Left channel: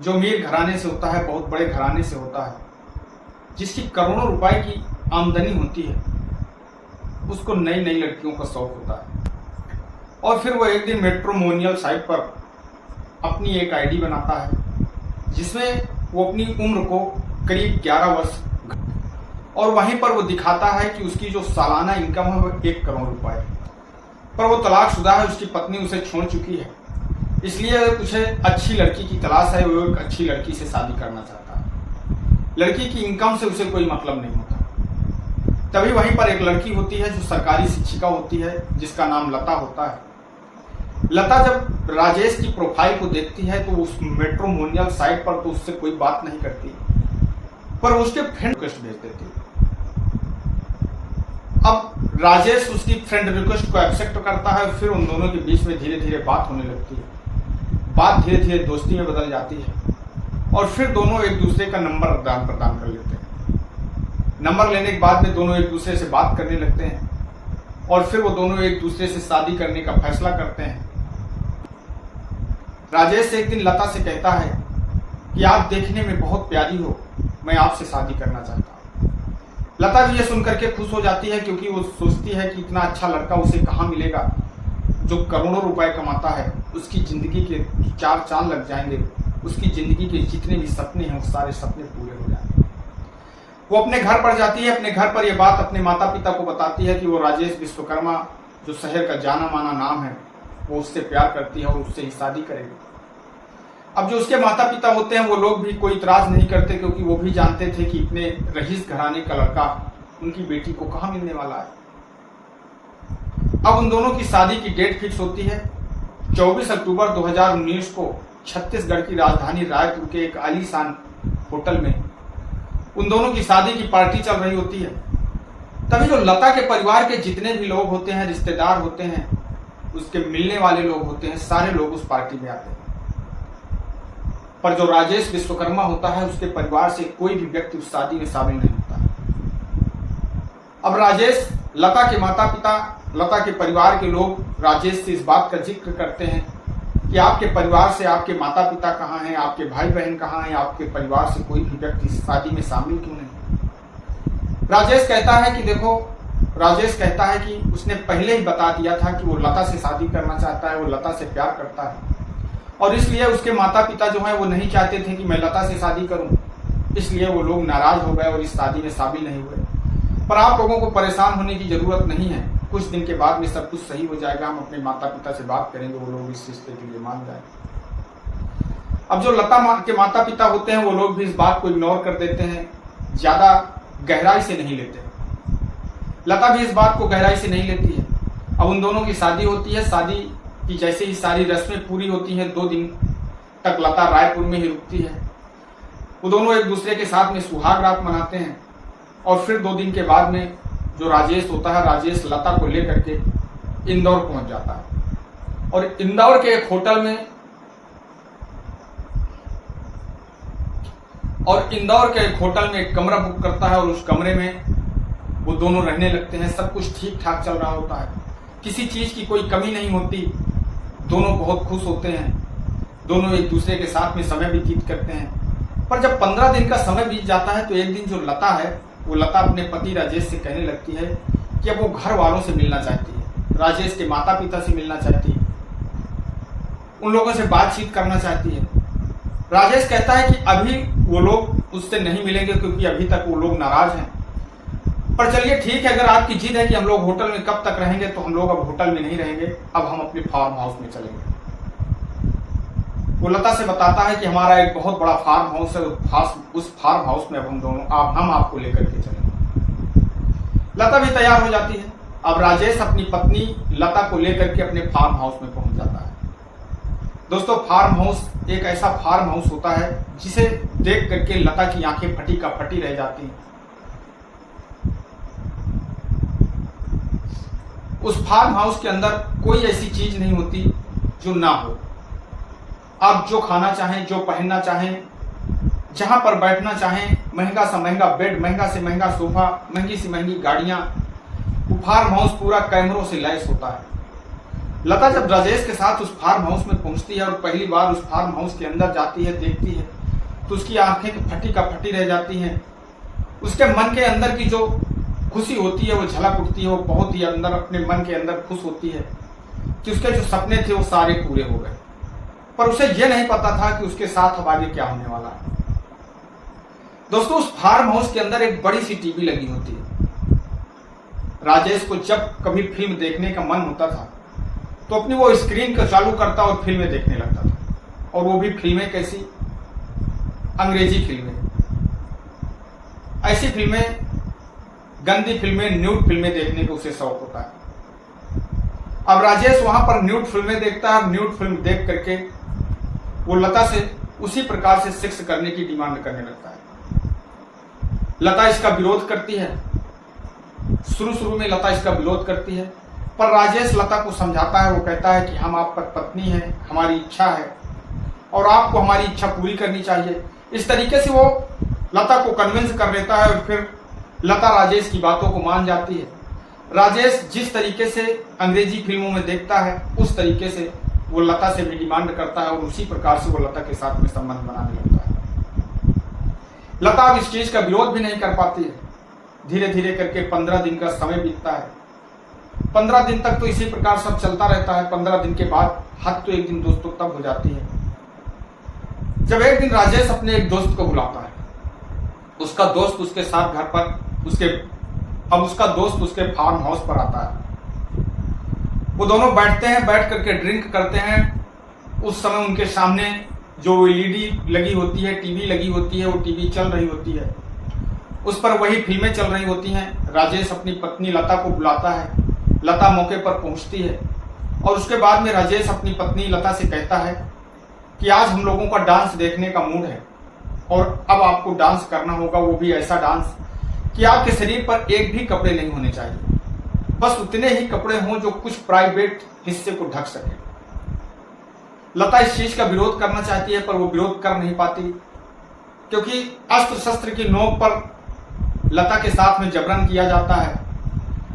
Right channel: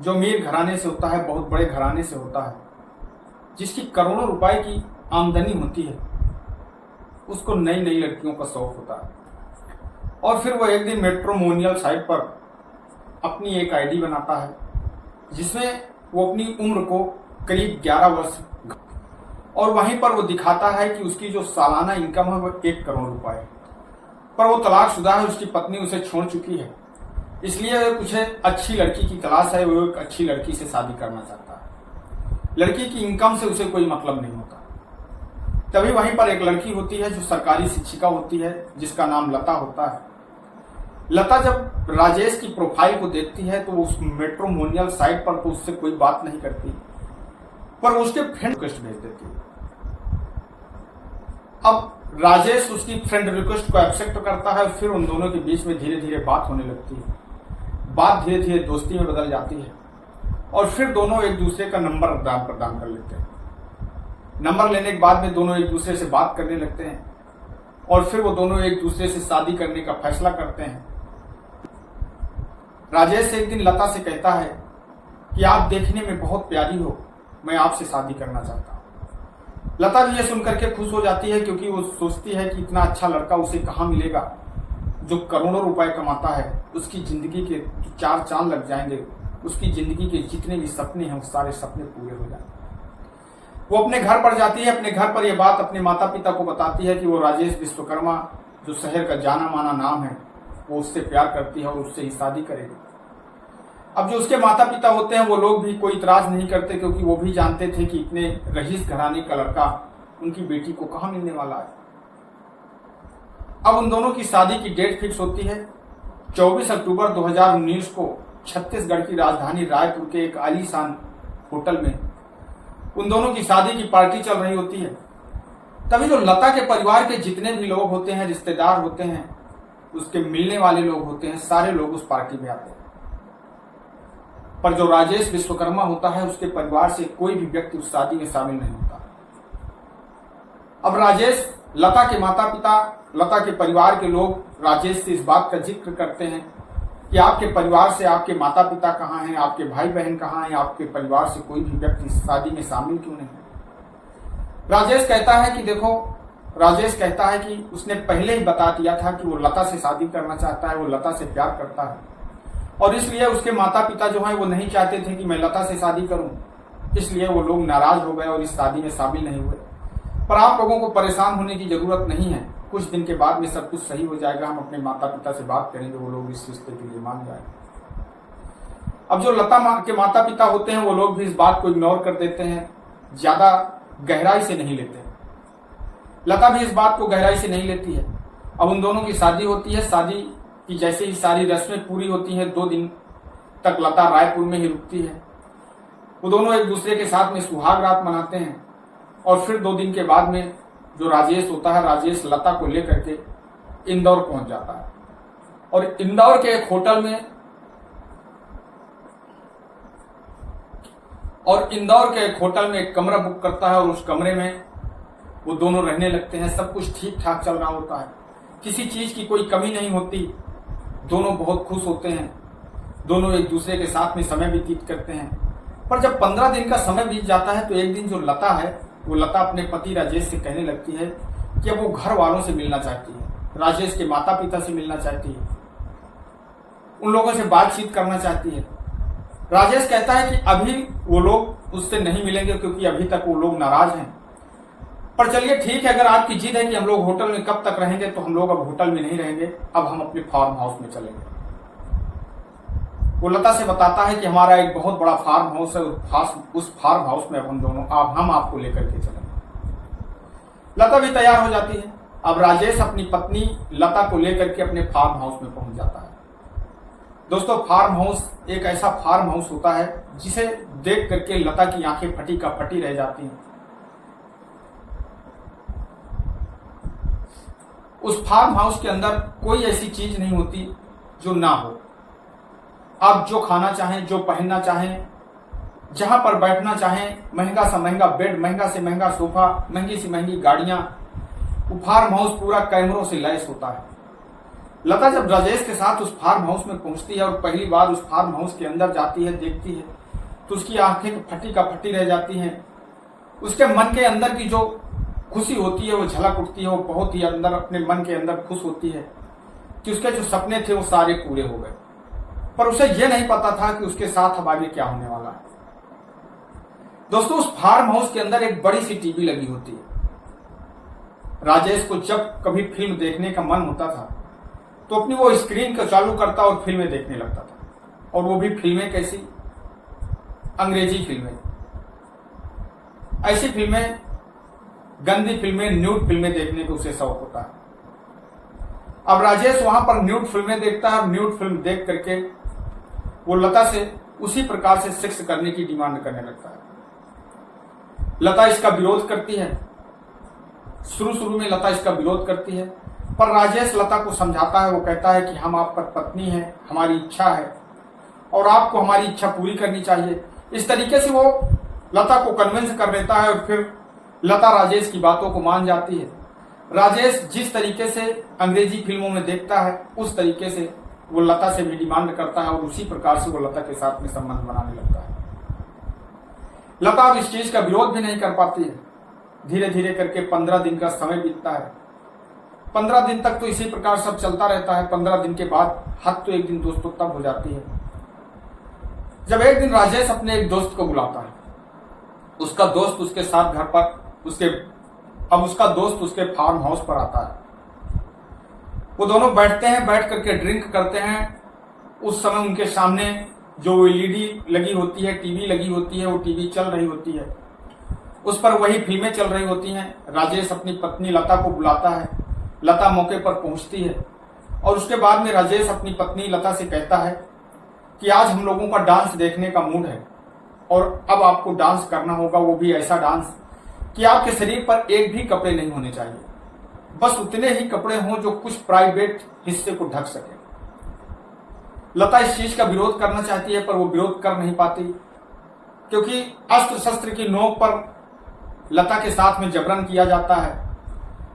जो अमीर घराने से होता है, बहुत बड़े घराने से होता है, जिसकी करोड़ों रुपए की आमदनी होती है, उसको नई नई लड़कियों का शौक होता है। और फिर वो एक दिन मैट्रिमोनियल साइट पर अपनी एक आईडी बनाता है जिसमें वो अपनी उम्र को करीब 11 वर्ष और वहीं पर वो दिखाता है कि उसकी जो सालाना इनकम है वो 1 करोड़ रुपए है। पर वो तलाकशुदा है, उसकी पत्नी उसे छोड़ चुकी है, इसलिए उसे अच्छी लड़की की तलाश है। वो एक अच्छी लड़की से शादी करना चाहता है। लड़की की इनकम से उसे कोई मतलब नहीं होता। तभी वहीं पर एक लड़की होती है जो सरकारी शिक्षिका होती है, जिसका नाम लता होता है। लता जब राजेश की प्रोफाइल को देखती है तो वो उस मैट्रिमोनियल साइट पर तो उससे कोई बात नहीं करती, पर वो उसके फ्रेंड रिक्वेस्ट भेज देती है। अब राजेश उसकी फ्रेंड रिक्वेस्ट को एक्सेप्ट करता है। फिर उन दोनों के बीच में धीरे धीरे बात होने लगती है। बात धीरे धीरे दोस्ती में बदल जाती है और फिर दोनों एक दूसरे का नंबर आदान प्रदान कर लेते हैं। नंबर लेने के बाद में दोनों एक दूसरे से बात करने लगते हैं और फिर वो दोनों एक दूसरे से शादी करने का फैसला करते हैं। राजेश एक दिन लता से कहता है कि आप देखने में बहुत प्यारी हो, मैं आपसे शादी करना चाहता हूँ। लता भी ये सुनकर के खुश हो जाती है, क्योंकि वो सोचती है कि इतना अच्छा लड़का उसे कहाँ मिलेगा जो करोड़ों रुपए कमाता है। उसकी जिंदगी के 4 चांद लग जाएंगे, उसकी जिंदगी के जितने भी सपने हैं वो सारे सपने पूरे हो जाएंगे। वो अपने घर पर जाती है। अपने घर पर यह बात अपने माता पिता को बताती है कि वो राजेश विश्वकर्मा, जो शहर का जाना माना नाम है, वो उससे प्यार करती है और उससे ही शादी करेगी। अब जो उसके माता पिता होते हैं वो लोग भी कोई इतराज नहीं करते, क्योंकि वो भी जानते थे कि इतने रईस घराने का लड़का उनकी बेटी को कहाँ मिलने वाला है। अब उन दोनों की शादी की डेट फिक्स होती है 24 अक्टूबर 2019 को छत्तीसगढ़ की राजधानी रायपुर के एक आलीशान होटल में उन दोनों की शादी की पार्टी चल रही होती है। तभी जो लता के परिवार के जितने भी लोग होते हैं, रिश्तेदार होते हैं, उसके मिलने वाले लोग होते हैं, सारे लोग उस पार्टी में आते हैं। पर जो राजेश विश्वकर्मा होता है, उसके परिवार से कोई भी व्यक्ति उस शादी में शामिल नहीं होता। अब राजेश, लता के माता पिता, लता के परिवार के लोग राजेश से इस बात का जिक्र करते हैं कि आपके परिवार से आपके माता पिता कहाँ हैं, आपके भाई बहन कहाँ हैं, आपके परिवार से कोई भी व्यक्ति इस शादी में शामिल क्यों नहीं। राजेश कहता है कि देखो, राजेश कहता है कि उसने पहले ही बता दिया था कि वो लता से शादी करना चाहता है, वो लता से प्यार करता है, और इसलिए उसके माता पिता जो हैं वो नहीं चाहते थे कि मैं लता से शादी करूं, इसलिए वो लोग नाराज हो गए और इस शादी में शामिल नहीं हुए। पर आप लोगों को परेशान होने की जरूरत नहीं है, कुछ दिन के बाद में सब कुछ सही हो जाएगा। हम अपने माता पिता से बात करेंगे, वो लोग इस रिश्ते के लिए मान जाएंगे। अब जो लता के माता पिता होते हैं वो लोग भी इस बात को इग्नोर कर देते हैं, ज्यादा गहराई से नहीं लेते। लता भी इस बात को गहराई से नहीं लेती है। अब उन दोनों की शादी होती है। शादी की जैसे ही सारी रस्में पूरी होती हैं, 2 दिन तक लता रायपुर में ही रुकती है। वो दोनों एक दूसरे के साथ में सुहाग रात मनाते हैं और फिर 2 दिन के बाद में जो राजेश होता है, राजेश लता को लेकर के इंदौर पहुंच जाता है और इंदौर के एक होटल में एक कमरा बुक करता है और उस कमरे में वो दोनों रहने लगते हैं। सब कुछ ठीक ठाक चल रहा होता है, किसी चीज की कोई कमी नहीं होती। दोनों बहुत खुश होते हैं, दोनों एक दूसरे के साथ में समय व्यतीत करते हैं। पर जब 15 दिन का समय बीत जाता है तो एक दिन जो लता है, वो लता अपने पति राजेश से कहने लगती है कि अब वो घर वालों से मिलना चाहती है, राजेश के माता पिता से मिलना चाहती है, उन लोगों से बातचीत करना चाहती है। राजेश कहता है कि अभी वो लोग उससे नहीं मिलेंगे, क्योंकि अभी तक वो लोग नाराज हैं। पर चलिए ठीक है, अगर आपकी जिद है कि हम लोग होटल में कब तक रहेंगे, तो हम लोग अब होटल में नहीं रहेंगे, अब हम अपने फार्म हाउस में चलेंगे। वो लता से बताता है कि हमारा एक बहुत बड़ा फार्म हाउस है, उस फार्म हाउस में अब हम आपको लेकर के चलेंगे। लता भी तैयार हो जाती है। अब राजेश अपनी पत्नी लता को लेकर के अपने फार्म हाउस में पहुंच जाता है। दोस्तों, फार्म हाउस एक ऐसा फार्म हाउस होता है जिसे देख करके लता की आंखें फटी का फटी रह जाती हैं। उस फार्म हाउस के अंदर कोई ऐसी चीज नहीं होती जो ना हो। आप जो खाना चाहें, जो पहनना चाहें, जहां पर बैठना चाहें, महंगा से महंगा बेड, महंगा से महंगा सोफा, महंगी से महंगी गाड़ियां, वो फार्म हाउस पूरा कैमरों से लैस होता है। लता जब राजेश के साथ उस फार्म हाउस में पहुंचती है और पहली बार उस फार्म हाउस के अंदर जाती है, देखती है, तो उसकी आंखें फटी का फटी रह जाती हैं। उसके मन के अंदर की जो खुशी होती है वो झलक उठती है। वो बहुत ही अंदर अपने मन के अंदर खुश होती है कि उसके जो सपने थे वो सारे पूरे हो गए। पर उसे यह नहीं पता था कि उसके साथ अब आगे क्या होने वाला है। दोस्तों, उस फार्म हाउस के अंदर एक बड़ी सी टीवी लगी होती है। राजेश को जब कभी फिल्म देखने का मन होता था तो अपनी वो स्क्रीन को चालू करता और फिल्में देखने लगता था। और वो भी फिल्में कैसी? अंग्रेजी फिल्में। ऐसी फिल्में, गंदी फिल्में, न्यूड फिल्में देखने को उसे शौक होता है। अब राजेश वहां पर न्यूड फिल्में देखता है। न्यूड फिल्म देख करके वो लता से उसी प्रकार से सेक्स करने की डिमांड करने लगता है। लता इसका विरोध करती है। शुरू में लता इसका विरोध करती है, पर राजेश लता को समझाता है। वो कहता है कि हम आप पर पत्नी हैं, हमारी इच्छा है और आपको हमारी इच्छा पूरी करनी चाहिए। इस तरीके से वो लता को कन्विंस कर देता है और फिर लता राजेश की बातों को मान जाती है। राजेश जिस तरीके से अंग्रेजी फिल्मों में देखता है उस तरीके से वो लता से भी डिमांड करता है और उसी प्रकार से वो लता के साथ में संबंध बनाने लगता है। लता अब इस चीज का विरोध भी नहीं कर पाती है। धीरे धीरे करके 15 दिन का समय बीतता है। 15 दिन तक तो इसी प्रकार सब चलता रहता है। 15 दिन के बाद हद तो एक दिन दोस्तों तब हो जाती है जब एक दिन राजेश अपने एक दोस्त को बुलाता है। उसका दोस्त उसके साथ घर पर उसका दोस्त उसके फार्म हाउस पर आता है। वो दोनों बैठते हैं, बैठ करके ड्रिंक करते हैं। उस समय उनके सामने जो एलईडी लगी होती है, टीवी लगी होती है, वो टीवी चल रही होती है। उस पर वही फिल्में चल रही होती हैं। राजेश अपनी पत्नी लता को बुलाता है। लता मौके पर पहुंचती है और उसके बाद में राजेश अपनी पत्नी लता से कहता है कि आज हम लोगों का डांस देखने का मूड है और अब आपको डांस करना होगा, वो भी ऐसा डांस कि आपके शरीर पर एक भी कपड़े नहीं होने चाहिए। बस उतने ही कपड़े हों जो कुछ प्राइवेट हिस्से को ढक सके। लता इस चीज का विरोध करना चाहती है पर वो विरोध कर नहीं पाती, क्योंकि अस्त्र शस्त्र की नोक पर लता के साथ में जबरन किया जाता है।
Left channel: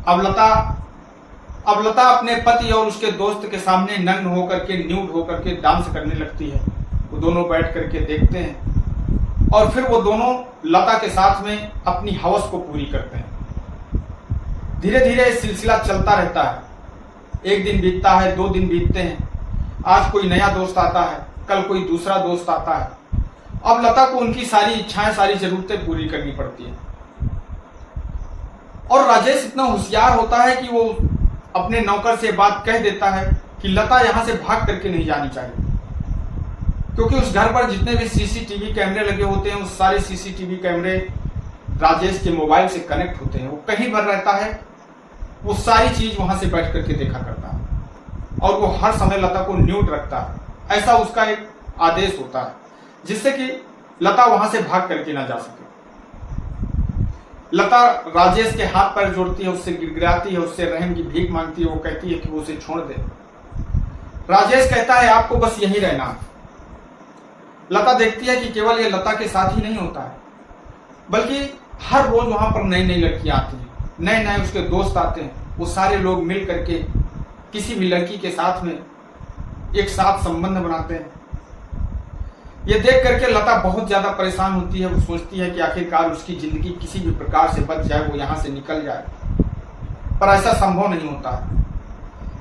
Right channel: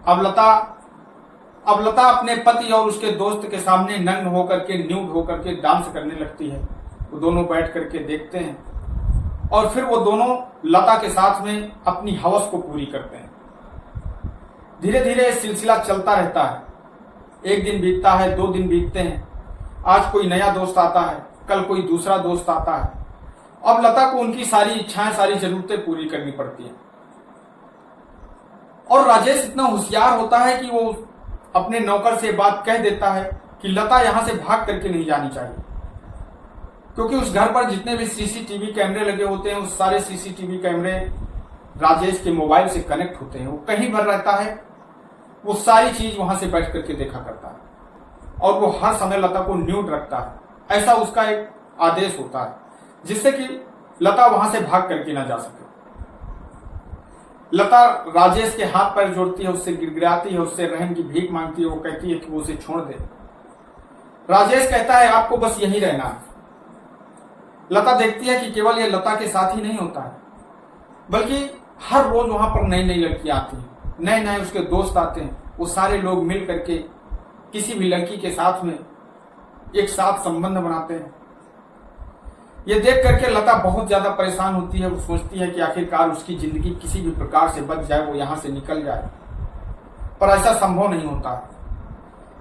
अब लता अपने पति और उसके दोस्त के सामने नग्न होकर के, न्यूड होकर के डांस करने लगती है। वो दोनों बैठ करके देखते हैं और फिर वो दोनों लता के साथ में अपनी हवस को पूरी करते हैं। धीरे धीरे सिलसिला चलता रहता है। एक दिन बीतता है, 2 दिन बीतते हैं। आज कोई नया दोस्त आता है, कल कोई दूसरा दोस्त आता है। अब लता को उनकी सारी इच्छाएं, सारी जरूरतें पूरी करनी पड़ती हैं। और राजेश इतना होशियार होता है कि वो अपने नौकर से बात कह देता है कि लता यहां से भाग करके नहीं जानी चाहिए, क्योंकि उस घर पर जितने भी सीसीटीवी कैमरे लगे होते हैं उस सारे सीसीटीवी कैमरे राजेश के मोबाइल से कनेक्ट होते हैं। वो कहीं भर रहता है, वो सारी चीज वहां से बैठ करके देखा करता है और वो हर समय लता को न्यूड रखता है। ऐसा उसका एक आदेश होता है जिससे कि लता वहां से भाग करके ना जा सके। लता राजेश के हाथ पैर जोड़ती है, उससे गिड़गिड़ाती है, उससे रहम की भीख मांगती है। वो कहती है कि वो उसे छोड़ दे। राजेश कहता है आपको बस यहीं रहना है। लता देखती है कि केवल ये लता के साथ ही नहीं होता है, बल्कि हर रोज वहां पर नई नई लड़कियां आती हैं, नए नए उसके दोस्त आते हैं। वो सारे लोग मिल करके किसी भी लड़की के साथ में एक साथ संबंध बनाते हैं। ये देख करके लता बहुत ज्यादा परेशान होती है। वो सोचती है कि आखिरकार उसकी जिंदगी किसी भी प्रकार से बच जाए, वो यहां से निकल जाए, पर ऐसा संभव नहीं होता है।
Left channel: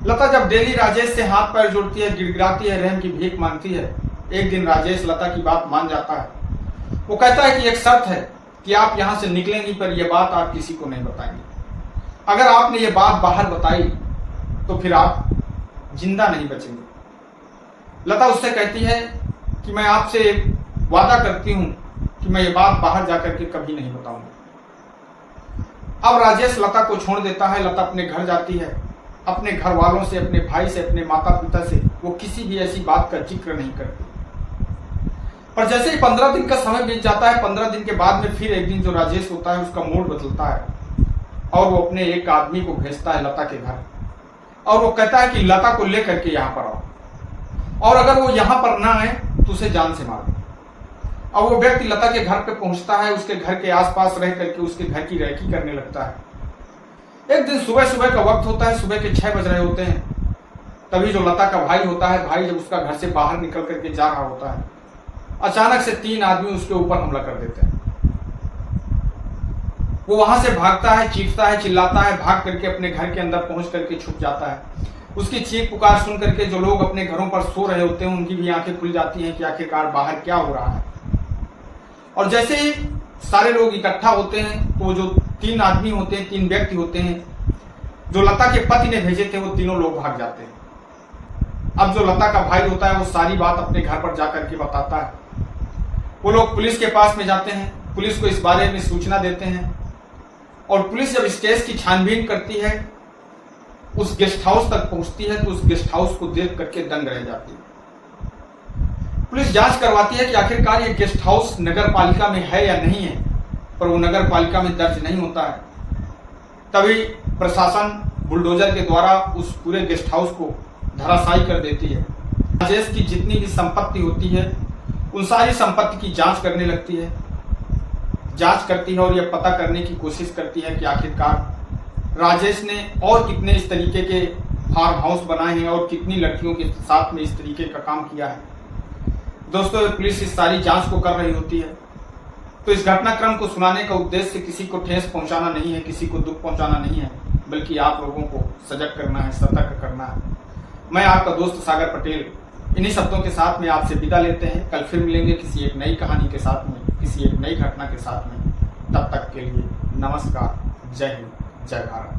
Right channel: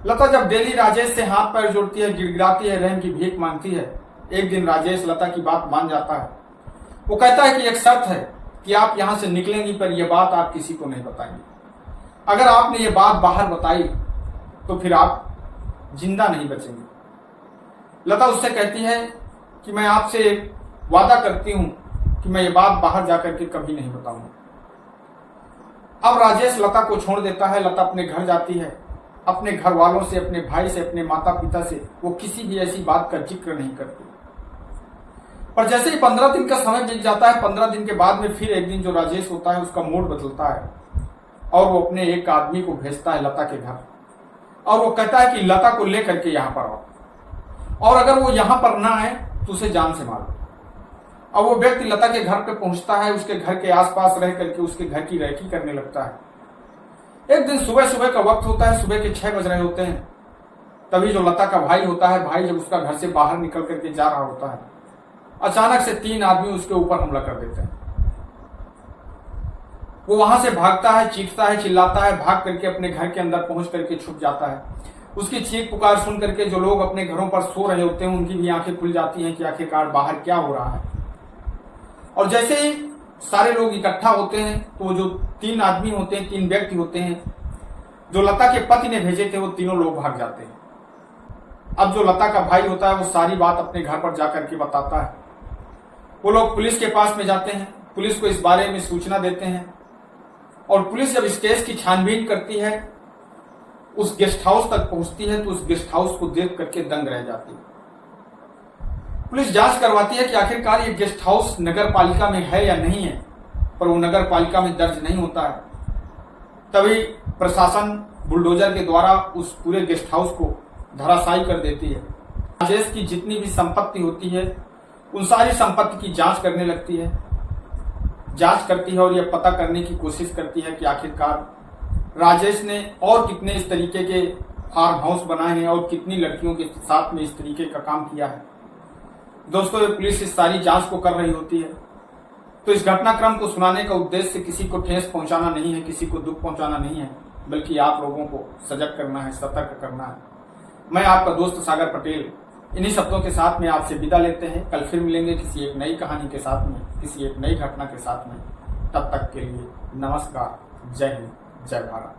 लता जब डेली राजेश से हाथ पैर जोड़ती है, गिड़गिड़ाती है, रहम की भीख मांगती है, एक दिन राजेश लता की बात मान जाता है। वो कहता है कि एक शर्त है कि आप यहां से निकलेंगी, पर यह बात आप किसी को नहीं बताएंगे। अगर आपने ये बात बाहर बताई तो फिर आप जिंदा नहीं बचेंगे। लता उससे कहती है कि मैं आपसे वादा करती हूं कि मैं ये बात बाहर जाकर के कभी नहीं बताऊंगा। अब राजेश लता को छोड़ देता है। लता अपने घर जाती है। अपने घर वालों से, अपने भाई से, अपने माता पिता से वो किसी भी ऐसी बात का जिक्र नहीं करती। पर जैसे ही 15 दिन का समय बीत जाता है, 15 दिन के बाद में फिर एक दिन जो राजेश होता है उसका मूड बदलता है और वो अपने एक आदमी को भेजता है लता के घर और वो कहता है कि लता को लेकर के यहाँ पर आओ और अगर वो यहाँ पर ना आए तो उसे जान से मार दो। और वो व्यक्ति लता के घर पे पहुंचता है, उसके घर के आसपास रह करके उसके घर की रैकी करने लगता है। एक दिन सुबह सुबह का वक्त होता है, सुबह के 6 बज रहे होते हैं। तभी जो लता का भाई होता है, भाई जब उसका घर से बाहर निकल करके जा रहा होता है, अचानक से 3 आदमी उसके ऊपर हमला कर देते हैं। वो वहां से भागता है, चीखता है, चिल्लाता है, भाग करके अपने घर के अंदर पहुंच करके छुप जाता है। उसकी चीख पुकार सुन करके जो लोग अपने घरों पर सो रहे होते हैं, उनकी भी आंखें खुल जाती हैं कि आखिरकार बाहर क्या हो रहा है। और जैसे ही सारे लोग इकट्ठा होते हैं तो जो 3 आदमी होते हैं, 3 व्यक्ति होते हैं जो लता के पति ने भेजे थे, वो तीनों लोग भाग जाते हैं। अब जो लता का भाई होता है वो सारी बात अपने घर पर जाकर के बताता है। वो लोग पुलिस के पास में जाते हैं, पुलिस को इस बारे में सूचना देते हैं और पुलिस जब इस केस की छानबीन करती है, उस गेस्ट हाउस तक पहुंचती है तो उस गेस्ट हाउस को देख करके दंग रह जाती है। पुलिस जांच करवाती है कि आखिरकार ये गेस्ट हाउस नगर पालिका में है या नहीं है, पर वो नगर पालिका में दर्ज नहीं होता है। तभी प्रशासन बुलडोजर के द्वारा उस पूरे गेस्ट हाउस को धराशायी कर देती है। राजेश की जितनी भी संपत्ति होती है, उन सारी संपत्ति की जांच करने लगती है, जांच करती है और यह पता करने की कोशिश करती है कि आखिरकार राजेश ने और कितने इस तरीके के फार्म हाउस बनाए हैं और कितनी लड़कियों के साथ में इस तरीके का काम किया है। दोस्तों, पुलिस इस सारी जांच को कर रही होती है। तो इस घटनाक्रम को सुनाने का उद्देश्य किसी को ठेस पहुंचाना नहीं है, किसी को दुख पहुंचाना नहीं है, बल्कि आप लोगों को सजग करना है, सतर्क करना है। मैं आपका दोस्त सागर पटेल इन्हीं शब्दों के साथ में आपसे विदा लेते हैं। कल फिर मिलेंगे किसी एक नई कहानी के साथ में, किसी एक नई घटना के साथ में। तब तक के लिए नमस्कार, जय हिंद, जय भारत।